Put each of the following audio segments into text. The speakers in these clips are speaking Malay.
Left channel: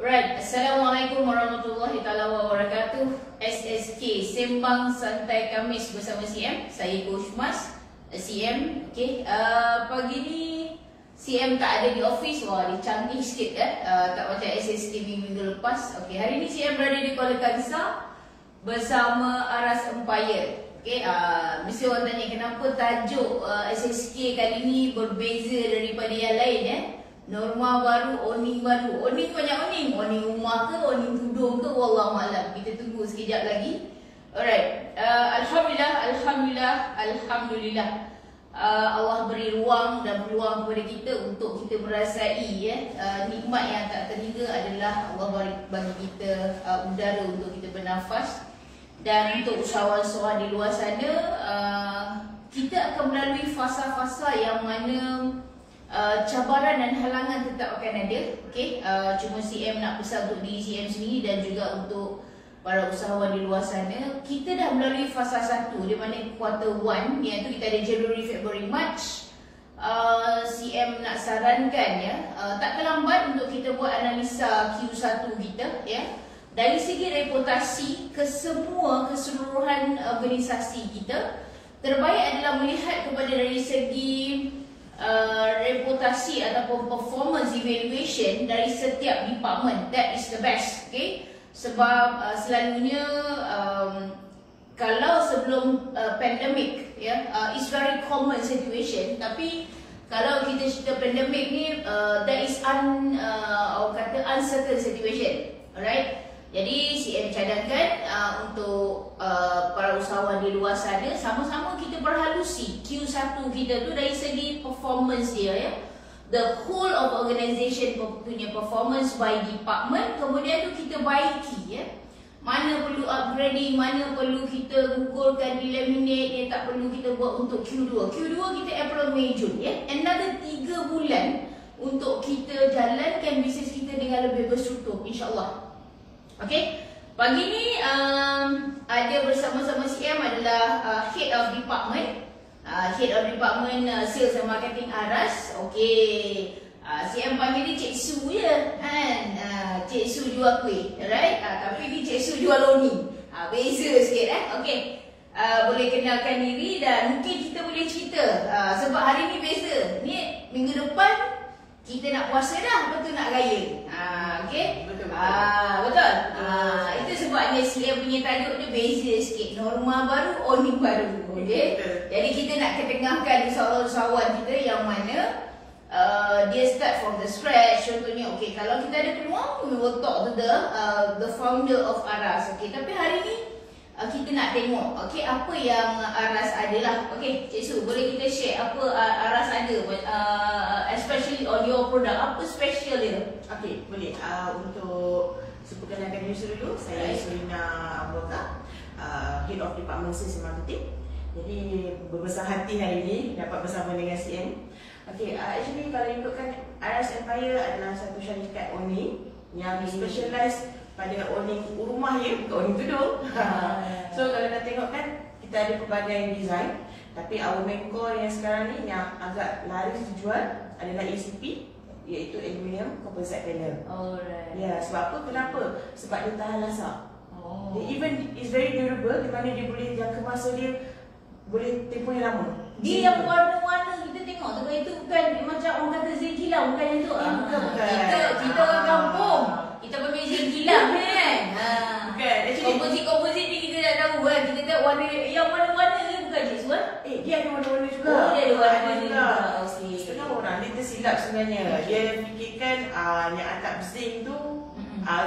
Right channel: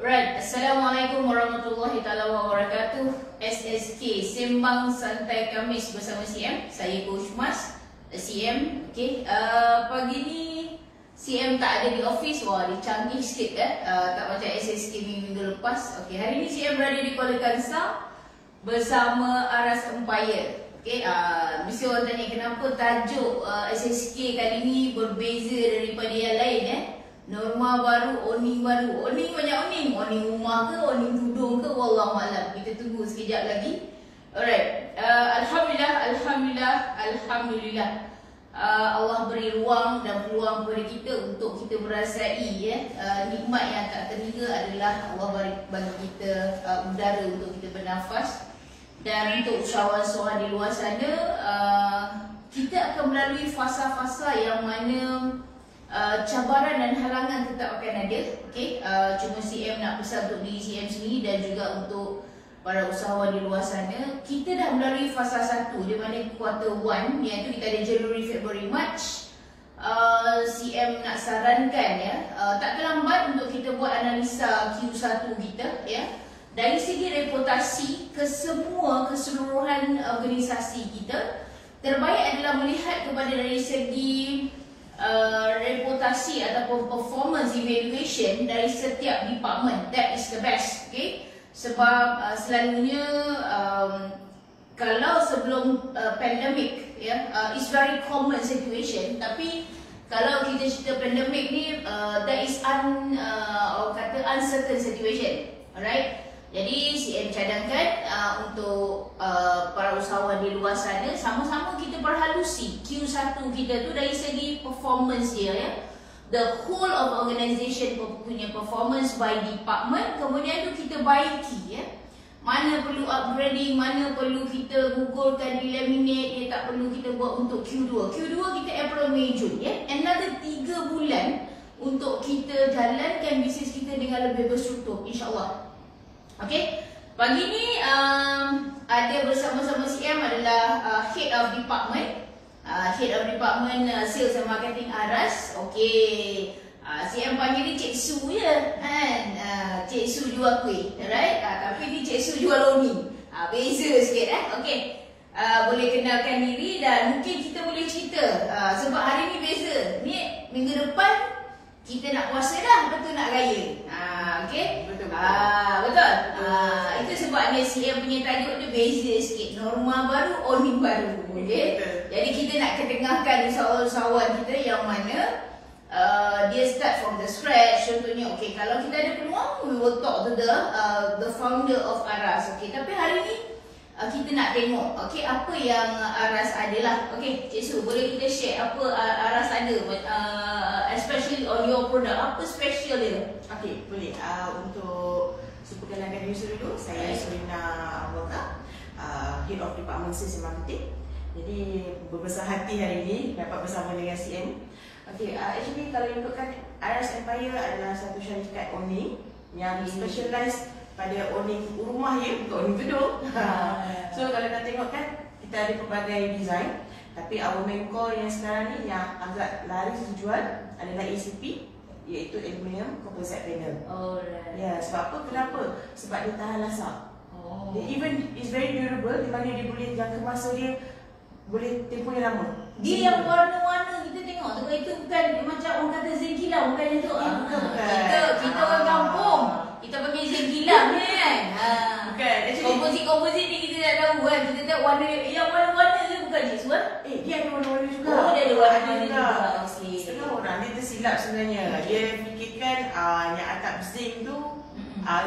Right, Assalamualaikum warahmatullahi taala wabarakatuh. SSK Sembang Santai Kamis bersama CM. Saya Coach Mas, CM. Okay, pagi ni CM tak ada di office. Wah, dia canggih sikit kan. Tak macam SSK minggu lepas. Okay, hari ni CM berada di Kuala Kangsar bersama Aras Empire. Okay, mesti orang tanya kenapa tajuk SSK kali ni berbeza daripada yang lain Norma baru, Oni baru. Oni banyak Oni. Oni rumah ke, Oni tudung ke, wallahualam. Kita tunggu sekejap lagi. Alright. Alhamdulillah. Allah beri ruang dan peluang kepada kita untuk kita merasai nikmat yang tak terhingga adalah Allah bagi kita udara untuk kita bernafas. Dan untuk usahawan-usahawan di luar sana, kita akan melalui fasa-fasa yang mana cabaran dan halangan tetap akan ada. Okay? Cuma CM nak pesan untuk diri CM sendiri dan juga untuk para usahawan di luar sana. Kita dah melalui fasa 1 di mana quarter 1, iaitu kita ada January, February, March. CM nak sarankan tak terlambat untuk kita buat analisa Q1 kita dari segi reputasi keseluruhan organisasi kita. Terbaik adalah melihat kepada dari segi reputasi ataupun performance evaluation dari setiap department. That is the best. Okay? Sebab selalunya kalau sebelum pandemic it's very common situation, tapi kalau kita cerita pandemic ni that is uncertain situation. Alright? Jadi CM cadangkan untuk para usahawan di luar sana, sama-sama kita berhalusi Q1 kita tu dari segi performance dia The whole of organisation punya performance by department. Kemudian tu kita baiki mana perlu upgrading, mana perlu kita gugurkan, eliminate, tak perlu kita buat untuk Q2. Q2 kita April, May, Jun Another 3 bulan untuk kita jalankan bisnes kita dengan lebih berstruktur, insyaAllah. Okay, pagi ni ada bersama-sama CM adalah Head of Department Sales and Marketing Aras. Okay, CM panggil ni Cik Su kan. Cik Su jual kuih, alright? Tapi ni Cik Su jual loni. Beza sikit Okay, boleh kenalkan diri dan mungkin kita boleh cerita sebab hari ni beza. Ni minggu depan kita nak puasa dah, betul nak raya. Okay? Betul. Itu sebabnya CM punya tajuk dia beza sikit. Norma baru, Oni baru. Okay? Jadi kita nak ketengahkan usahawan kita yang mana dia start from the scratch. Contohnya, okay, kalau kita ada peluang, we will talk to the founder of Aras. Okay, tapi hari ni kita nak tengok apa yang Aras adalah. Okay, Cik Su, boleh kita share apa Aras ada, especially on your product, apa special dia? Okay, boleh. Untuk perkenalkan diri dulu, saya Surina Abroka, Head of Department Sales and Marketing. Jadi berbesar hati hari ini dapat bersama dengan CM. Okay, actually kalau ikutkan Aras Empire adalah satu syarikat owning yang specialize pada owning rumah bukan owning gedung. So kalau nak tengok kan, kita ada pelbagai design, tapi our main core yang sekarang ni yang agak laris dijual adalah ACP, iaitu Aluminium Composite Panel. Ya, sebab apa? Kenapa? Sebab dia tahan lasak. Dia even is very durable, di mana dia boleh jangka masa dia boleh tempoh yang lama. Dia yang warna-warna kita tengok tu, itu bukan macam orang kata zinc kilang, bukan yang tu. Bukan. Kita orang kampung, kita panggil zinc kilang kan. Bukan. Komposit ni kita tak tahu kan. Kita tahu warna yang warna-warna tu bukan je semua. Dia ada warna-warna juga. Dia ada warna-warna juga. Setengah orang dia tersilap sebenarnya. Dia fikirkan yang atap zinc tu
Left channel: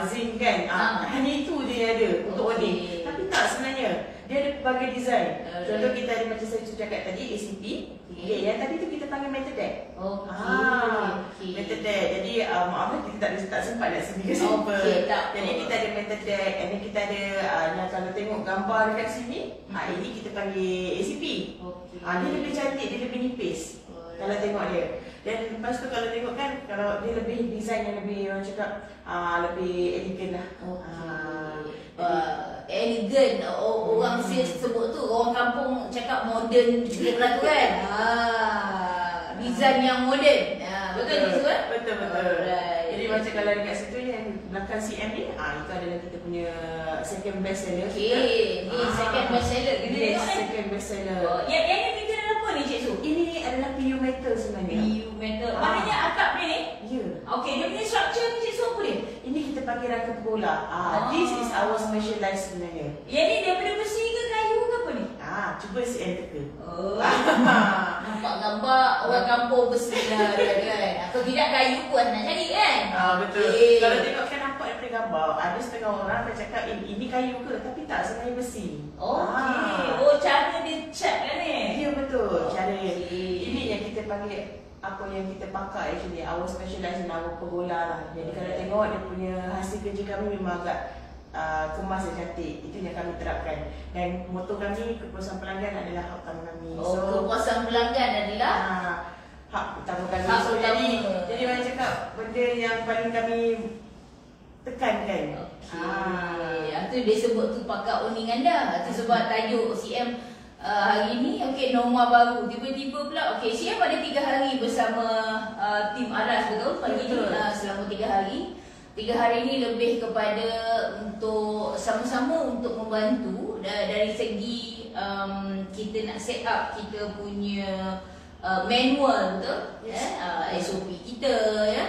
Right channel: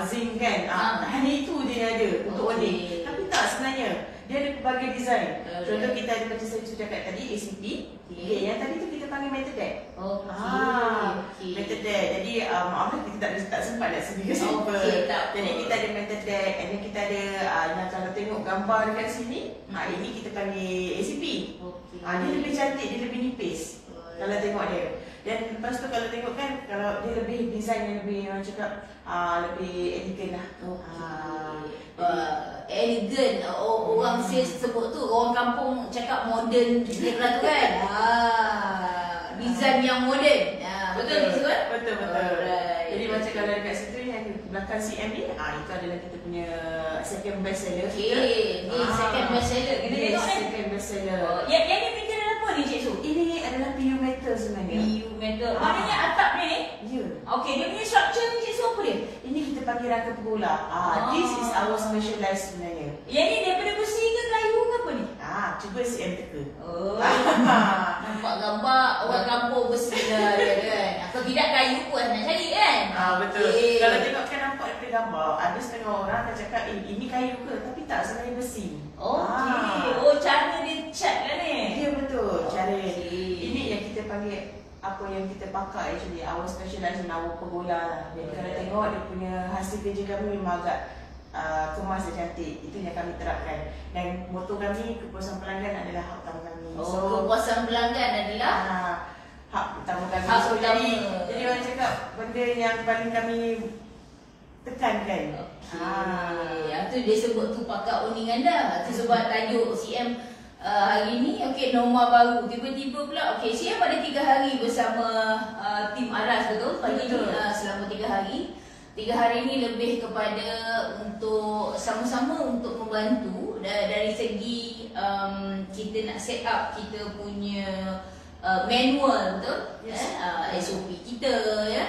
zinc kan. Hanya itu dia ada untuk owning. Tapi tak sebenarnya. Dia ada pelbagai design. Contoh kita ada macam saya cakap tadi, ACP. Yang tadi tu kita panggil metal deck. Metal deck. Jadi maaf kita tak sempat nak sediakan sampel. Jadi kita ada metal deck. And then kita ada yang kalau tengok gambar dekat sini, ini kita panggil ACP. Dia lebih cantik, dia lebih nipis kalau tengok dia. Dan lepas tu kalau tengok kan, kalau dia lebih design yang lebih orang cakap lebih elegan lah. Elegant, orang sales sebut tu, orang kampung cakap modern dia tu kan. Design yang moden. Betul tu kan? Betul. Jadi macam kalau dekat situ yang belakang CM ni, itu adalah kita punya second best seller. Okey, ni second best seller kita Yes, tengok second best seller. Yang ni printer apa ni Cik Su? Ini adalah PU metal sebenarnya. PU metal. Maknanya atap dia ni? Ya. Okey, dia punya structure ni Cik Su apa dia? Ini kita panggil rangka pergola. This is our specialized sebenarnya. Yang ni daripada besi ke kayu ke apa ni? Cuba CM teka. Oh. Nampak gambar orang kampung besi lah dia kan. Kalau tidak kayu pun nak cari kan? Betul. Okay. Kalau tengok kan nampak daripada gambar, ada setengah orang akan cakap ini kayu ke? Tapi tak, sebenarnya besi. Okey. Cara dia cat lah ni. Ya betul. Cara Okey. ini yang kita panggil apa yang kita pakai actually our specialized in our pergola lah. Jadi kalau tengok dia punya hasil kerja kami memang agak kemas dan cantik. Itu yang kami terapkan. Dan moto kami, kepuasan pelanggan adalah hak utama kami. Kepuasan pelanggan adalah hak utama kami. Hak utama. Jadi orang cakap benda yang paling kami tekankan. Itu dia sebut tu pakar uning anda. Itu sebab tajuk CM hari ni. Okey, norma baru. Tiba-tiba pula CM ada 3 hari bersama tim Aras, betul? Pagi ni selama 3 hari. 3 hari ni lebih kepada untuk sama-sama untuk membantu dari segi kita nak set up kita punya manual, betul? Yes. SOP kita ya.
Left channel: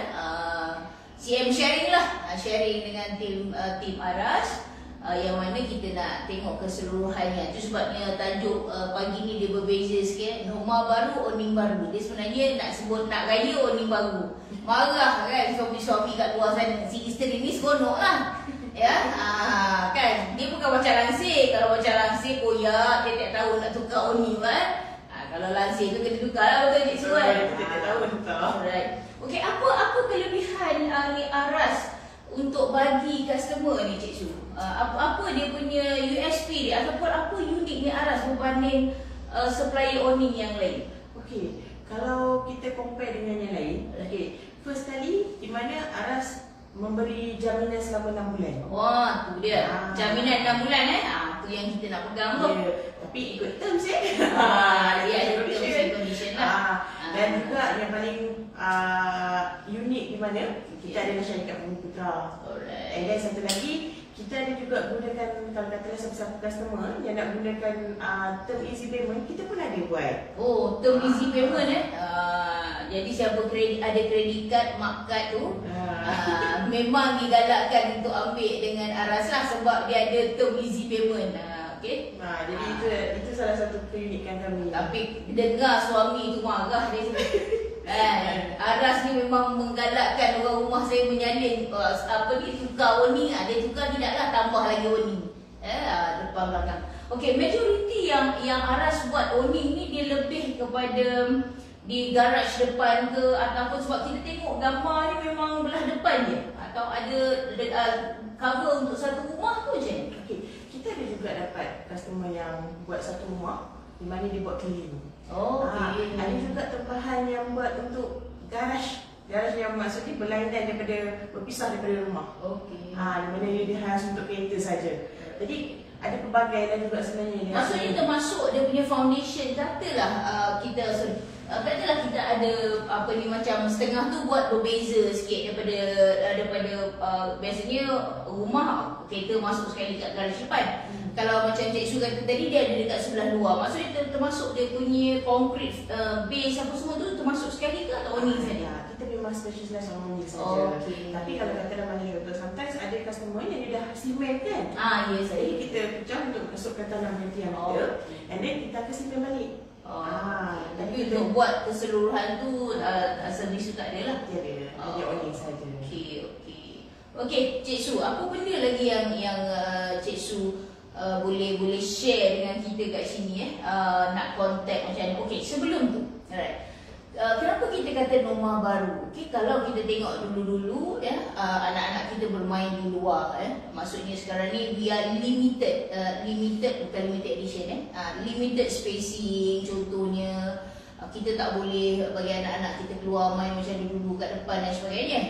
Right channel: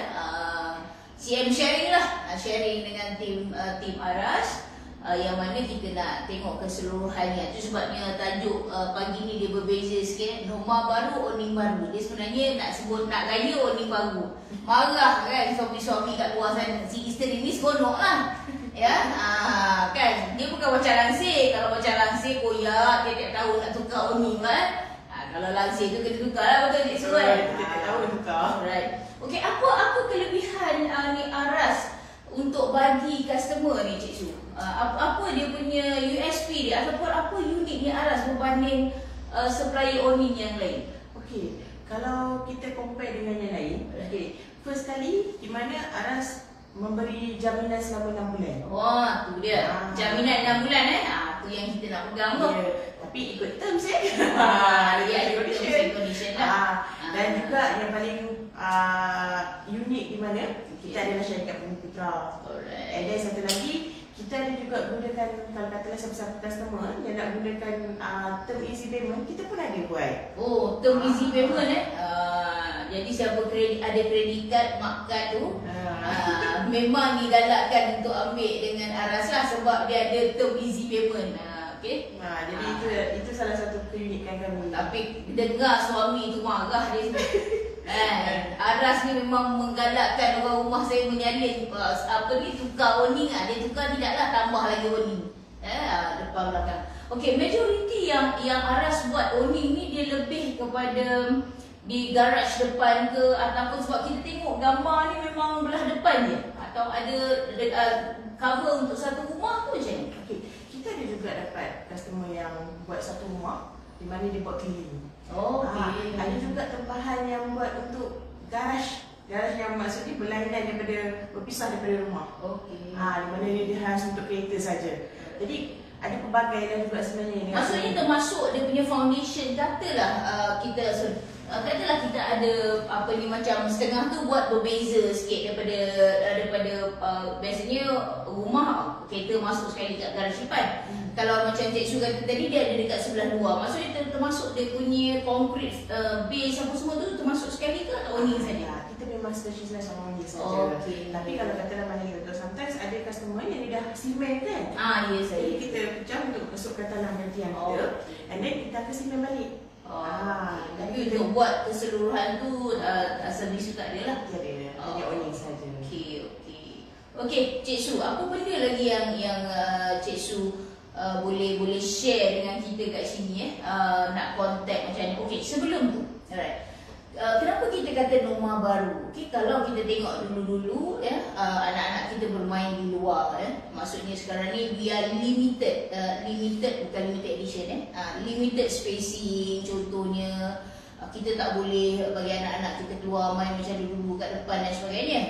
CM sharing lah, sharing dengan tim Aras. Yang mana kita nak tengok keseluruhannya. Itu sebabnya tajuk pagi ni dia berbeza sikit. Norma baru, oning baru. Dia sebenarnya nak sebut nak raya oning baru. Marah kan suami-suami kat luar sana. Si isteri ni seronok lah. Ya, kan. Dia bukan macam langsir. Kalau macam langsir koyak, tiap-tiap tahun nak tukar oning kan. Kalau langsir tu kena tukar lah, betul Cik Su kan? Tiap-tiap tahun tukar. Alright. Okey, apa kelebihan ni Aras untuk bagi customer ni Cik Su? Apa dia punya USP dia ataupun apa unik ni Aras berbanding supplier awning yang lain? Okey, kalau kita compare dengan yang lain, first kali di mana Aras memberi jaminan selama 6 bulan. Wah, tu dia. Jaminan 6 bulan tu yang kita nak pegang tu. Ya, tapi ikut terms dia ada condition lah. Dan juga yang paling unik di mana kita ada masyarakat Bumiputera. Alright. And then satu lagi, kita ada juga gunakan, kalau katalah siapa-siapa customer yang nak gunakan term easy payment, kita pun ada buat. Term easy payment jadi siapa ada credit card, mak card tu memang digalakkan untuk ambil dengan Aras lah sebab dia ada term easy payment. Okey. Jadi itu salah satu keunikan kami. Tapi dengar suami tu marah dia. Aras ni memang menggalakkan orang rumah saya menyalin tukar awning. Dia tukar tidaklah, tambah lagi awning. Depan belakang. Okey, majoriti yang Aras buat awning ni dia lebih kepada di garaj depan ke ataupun sebab kita tengok gambar ni memang belah depan je atau ada cover untuk satu rumah tu je. Okey, kita ada juga dapat customer yang buat satu rumah di mana dia buat cleaning. Okey. Ada juga tempahan yang buat untuk garaj. Garaj yang maksudnya berlainan daripada berpisah daripada rumah. Okey. Di mana dia khas untuk kereta saja. Jadi ada pelbagai dan juga sebenarnya. Maksudnya termasuk dia punya foundation. Katalah kita ada macam setengah tu buat berbeza sikit daripada biasanya rumah kereta masuk sekali kat garaj depan. Kalau macam Cik Su kata tadi dia ada dekat sebelah luar. Maksudnya termasuk dia punya concrete base apa semua tu termasuk sekali ke atau awning saja? Kita memang specialize on awning saja. Tapi kalau katalah macam tu, sometimes ada customer yang dia dah cement kan. Yes, jadi kita pecah untuk masukkan tanam yang kita. And then kita akan cement balik. Tapi untuk buat keseluruhan tu servis tu tak ada lah. Tiada, hanya awning saja. Okey, Cik Su, apa benda lagi yang Cik Su boleh share dengan kita kat sini nak contact macam ni. Okey, sebelum tu, alright. Kenapa kita kata norma baru? Okey, kalau kita tengok dulu-dulu anak-anak kita bermain di luar maksudnya sekarang ni we are limited bukan limited edition limited spacing. Contohnya kita tak boleh bagi anak-anak kita keluar main macam dulu kat depan dan sebagainya.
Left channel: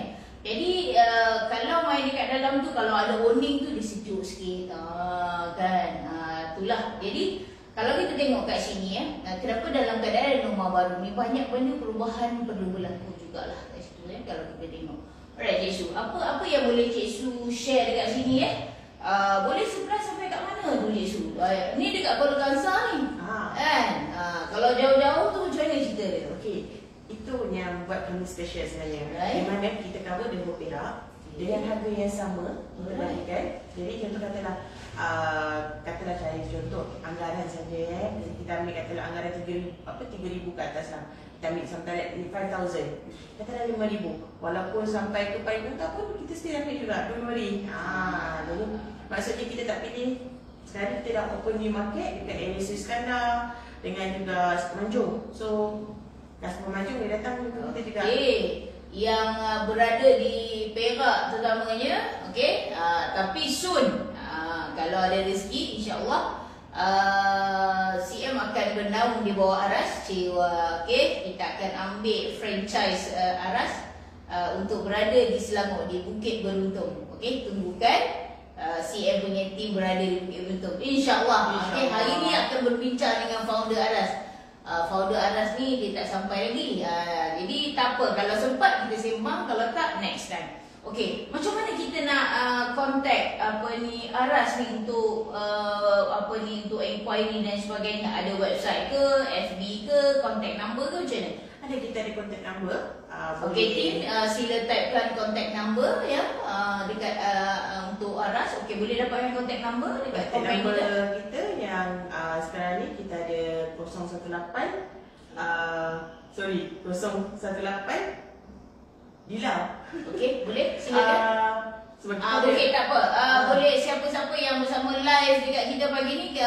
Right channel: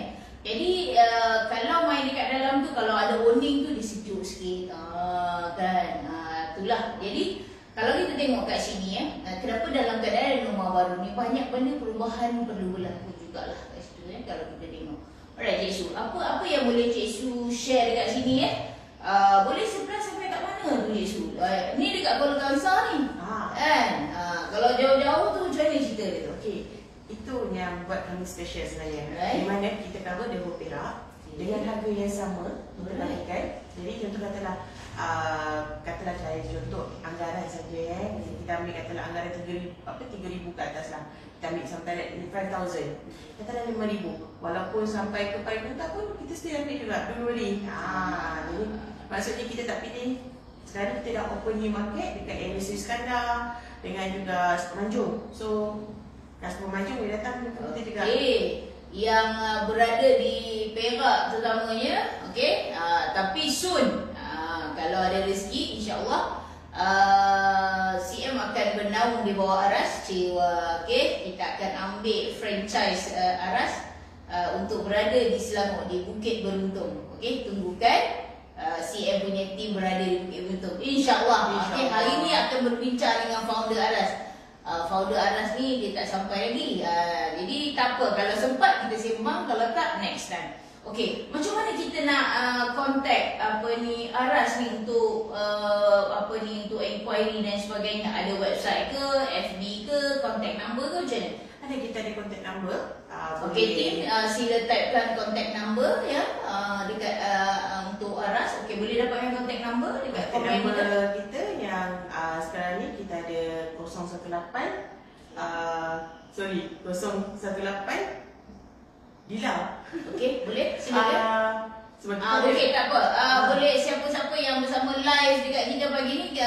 Jadi kalau main dekat dalam tu, kalau ada awning tu dia sejuk sikit kan. Itulah. Jadi kalau kita tengok kat sini kenapa dalam keadaan norma baru ni banyak benda perubahan perlu berlaku jugalah kat situ kalau kita tengok. Alright Cik Su, apa yang boleh Cik Su share dekat sini boleh supply sampai kat mana tu Cik Su? Ni dekat Kuala Kangsar ni. Kan? Kalau jauh-jauh tu macam mana cerita dia? Okey, itu yang buat kami special sebenarnya. Right. Di mana kita cover the whole Perak dengan harga yang sama berbandingkan. Jadi contoh katalah contoh anggaran saja kita ambil katalah anggaran 3,000 ke atas lah. Kita ambil sampai 5,000. Katalah 5,000. Walaupun sampai ke paling utah pun kita still ambil juga dulu beli. Jadi maksudnya kita tak pilih. Sekarang kita dah open new market dekat NSC Iskandar dengan juga Semenanjung. So customer Semenanjung boleh datang kita juga. Yang berada di Perak terutamanya, okey, tapi soon kalau ada rezeki insya-Allah CM akan bernaung di bawah Aras Cewa. Okey, kita akan ambil franchise Aras untuk berada di Selangor di Bukit Beruntung. Okey, tunggukan CM punya team berada di Bukit Beruntung insya-Allah. Okey, hari ni akan berbincang dengan founder Aras. Founder Aras ni dia tak sampai lagi. Jadi tak apa, kalau sempat kita sembang, kalau tak next time. Okey, macam mana kita nak contact Aras ni untuk untuk inquiry dan sebagainya? Ada website ke, FB ke, contact number ke macam mana? Ada, kita ada contact number. Okey team, sila typekan contact number ya dekat untuk Aras. Okey, boleh dapatkan contact number dekat komen kita yang sekarang ni kita ada 018 Bila. Okey, boleh? Silakan. Okey, tak apa. Boleh siapa-siapa yang bersama live dekat kita pagi ni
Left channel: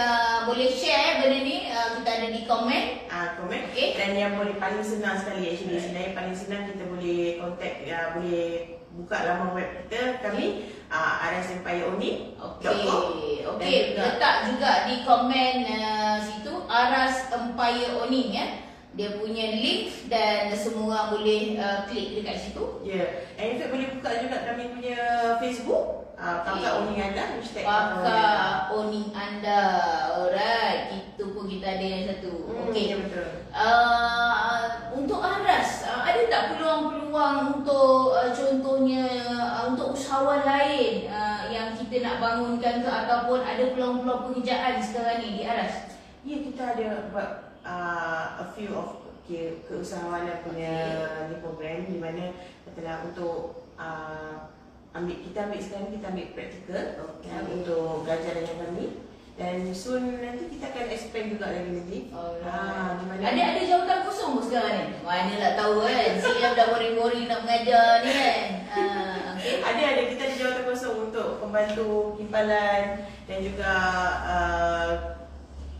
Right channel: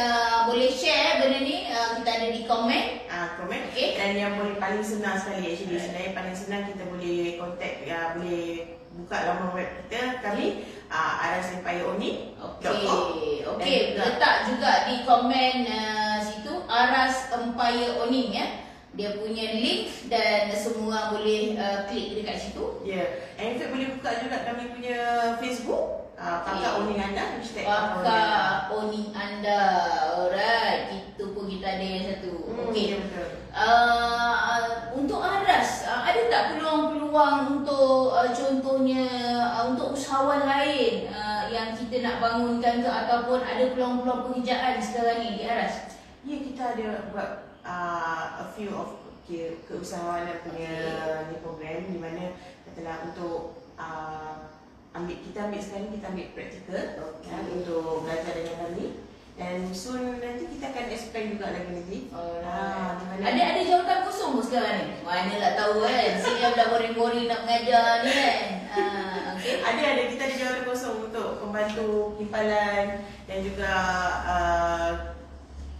boleh share benda ni. Kita ada di komen. Komen. Okey. Dan yang boleh paling senang sekali actually. Sebenarnya paling senang kita boleh contact, boleh buka laman web kita kami arasempireoni.com. Okey, letak juga di komen situ Aras Empire Owning ya. Dia punya link dan semua boleh klik dekat situ. Ya. And in fact boleh buka juga kami punya Facebook, Kakak Owning Anda, Kakak Owning Anda. Alright, itu pun kita ada yang satu. Okey. Ya, betul. Untuk Aras, ada tak peluang-peluang untuk contohnya untuk usahawan lain yang kita nak bangunkan ke, ataupun ada peluang-peluang pekerjaan sekarang ni di Aras? Ya, kita ada buat a few of keusahawanan punya program di mana katalah untuk kita ambil sekarang kita ambil praktikal untuk belajar dengan kami, dan soon nanti kita akan expand juga lagi. Ada jawatan kosong pun sekarang ni. Manalah tahu kan. CM dah boring-boring nak mengajar ni kan. Okay. Ada kita ada jawatan kosong untuk pembantu kimpalan dan juga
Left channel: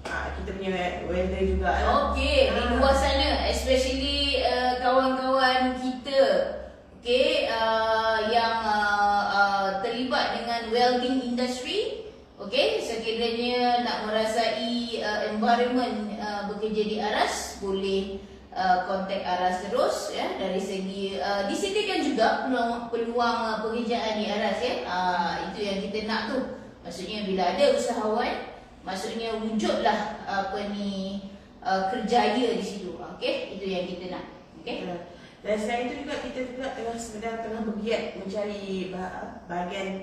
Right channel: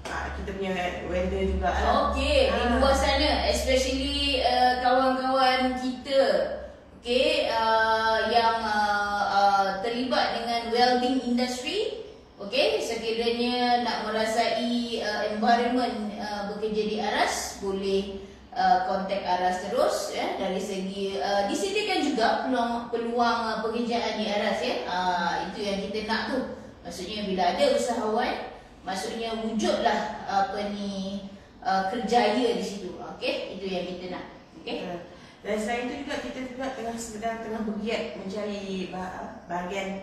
kita punya welder juga. Okey, di luar sana, especially kawan-kawan kita, okey, yang terlibat dengan welding industry, okey, sekiranya nak merasai environment bekerja di Aras, boleh kontak Aras terus ya. Dari segi disediakan juga peluang pekerjaan di Aras ya. Itu yang kita nak tu. Maksudnya bila ada usahawan, maksudnya wujudlah kerjaya di situ. Okey, itu yang kita nak. Okey. Dan selain itu juga kita juga tengah bergiat mencari bahagian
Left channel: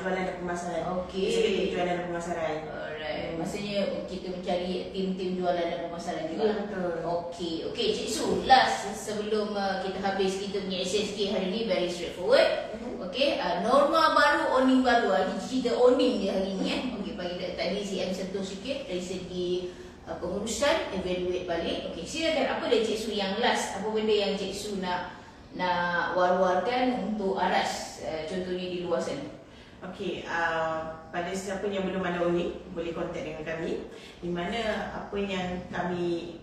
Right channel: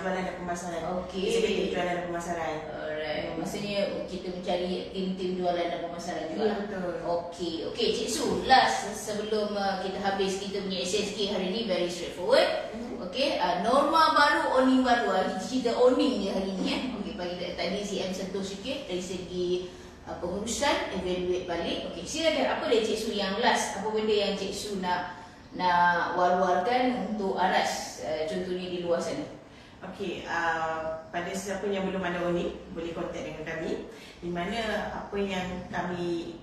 jualan dan pemasaran. Okey. Jualan dan pemasaran. Alright. Maksudnya kita mencari tim-tim jualan dan pemasaran juga. Ya, betul. Okey. Okey, Cik Su, last sebelum kita habis kita punya SSK hari ni, very straightforward. Okey, norma baru, owning baru. Cerita owning dia hari ni kan. Okey, pagi tadi CM sentuh sikit dari segi pengurusan, evaluate balik. Okey, silakan, apa dia Cik Su yang last? Apa benda yang Cik Su nak war-warkan untuk Aras, contohnya di luar sana? Okey, pada siapa yang belum ada owning, boleh kontak dengan kami. Di mana apa yang kami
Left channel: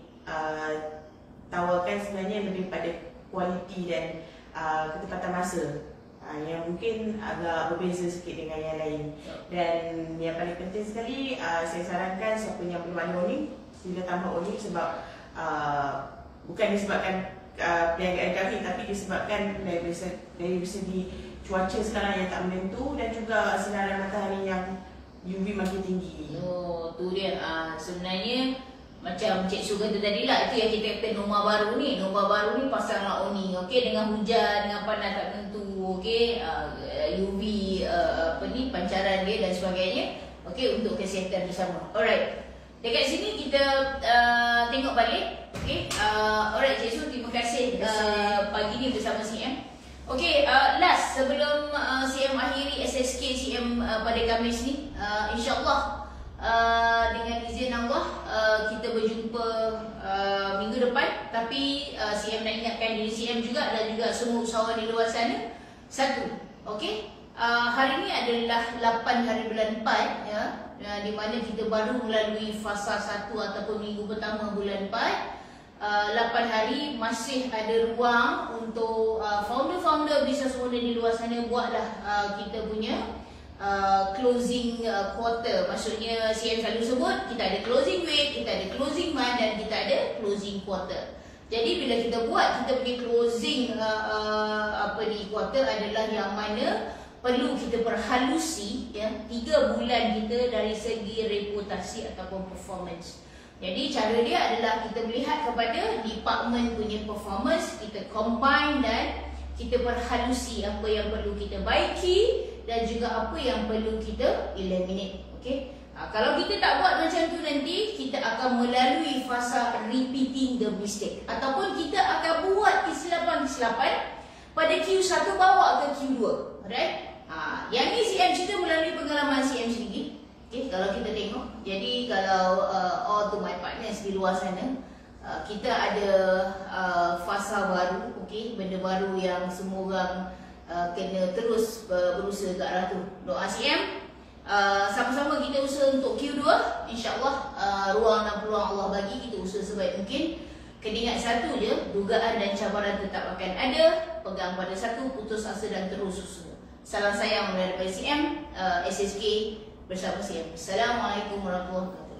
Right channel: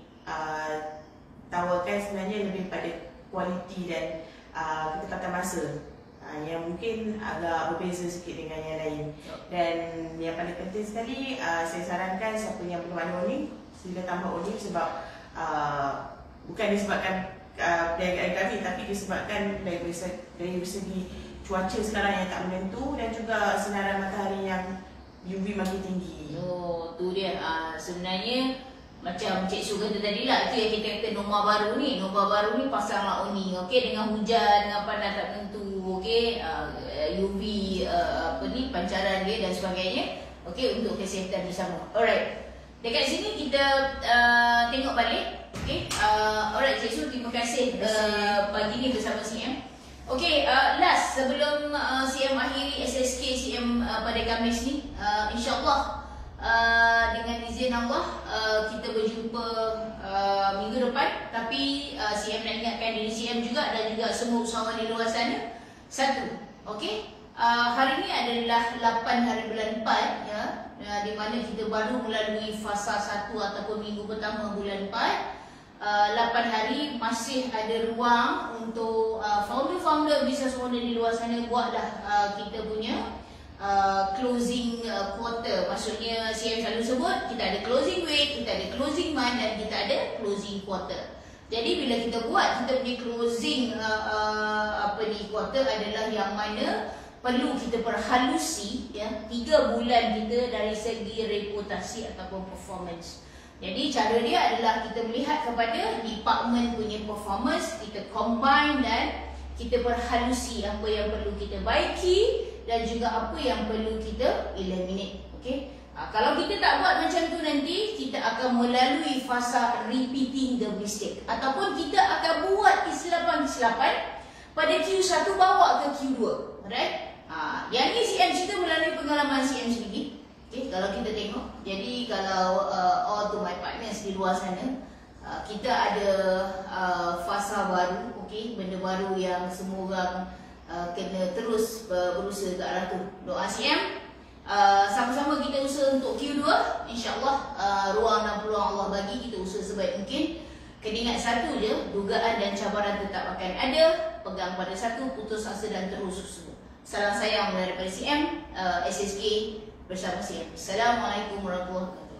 tawarkan sebenarnya lebih pada kualiti dan ketepatan masa, yang mungkin agak berbeza sikit dengan yang lain. Dan yang paling penting sekali, saya sarankan siapa yang belum ada owning, sila tambah owning. Sebab bukan disebabkan perniagaan kami, tapi disebabkan dari segi cuaca sekarang yang tak menentu dan juga sinaran matahari yang UV makin tinggi. Tu dia. Sebenarnya macam Cik Su kata tadi lah, itu yang kita kata norma baru ni. Norma baru ni pasanglah owning. Okey, dengan hujan, dengan panas tak tentu. UV pancaran dia dan sebagainya. Okey, untuk kesihatan bersama. Alright. Dekat sini kita tengok balik. Okey. Alright, cikgu, terima kasih pagi ni bersama CM. Okey, last sebelum CM akhiri SSK CM pada Khamis ni, insya-Allah dengan izin Allah kita berjumpa minggu depan. Tapi CM nak ingatkan diri CM juga dan juga semua usahawan di luar sana. Satu, okey, hari ni adalah 8 hari bulan 4 ya, di mana kita baru melalui fasa 1 ataupun minggu pertama bulan 4. 8 hari masih ada ruang untuk founder-founder business owner di luar sana buatlah kita punya closing quarter. Maksudnya CM selalu sebut kita ada closing week, kita ada closing month dan kita ada closing quarter. Jadi bila kita buat kita punya closing quarter adalah yang mana perlu kita perhalusi ya 3 bulan kita dari segi reputasi ataupun performance. Jadi cara dia adalah kita melihat kepada department punya performance, kita combine dan kita perhalusi apa yang perlu kita baiki dan juga apa yang perlu kita eliminate. Okey. Kalau kita tak buat macam tu nanti kita akan melalui fasa repeating the mistake ataupun kita akan buat kesilapan-kesilapan pada Q1 bawa ke Q2. Alright? Yang ni CM cerita melalui pengalaman CM sendiri. Okay, kalau kita tengok, jadi kalau all to my partners di luar sana, kita ada fasa baru, okay, benda baru yang semua orang kena terus berusaha ke arah tu. Doa CM, sama-sama kita usaha untuk Q2, insyaAllah ruang dan peluang Allah bagi kita usaha sebaik mungkin. Kena ingat satu je, dugaan dan cabaran tetap akan ada. Pegang pada satu, putus asa dan terus usaha. Salam sayang daripada CM, SSK bersama CM. Assalamualaikum warahmatullahi wabarakatuh.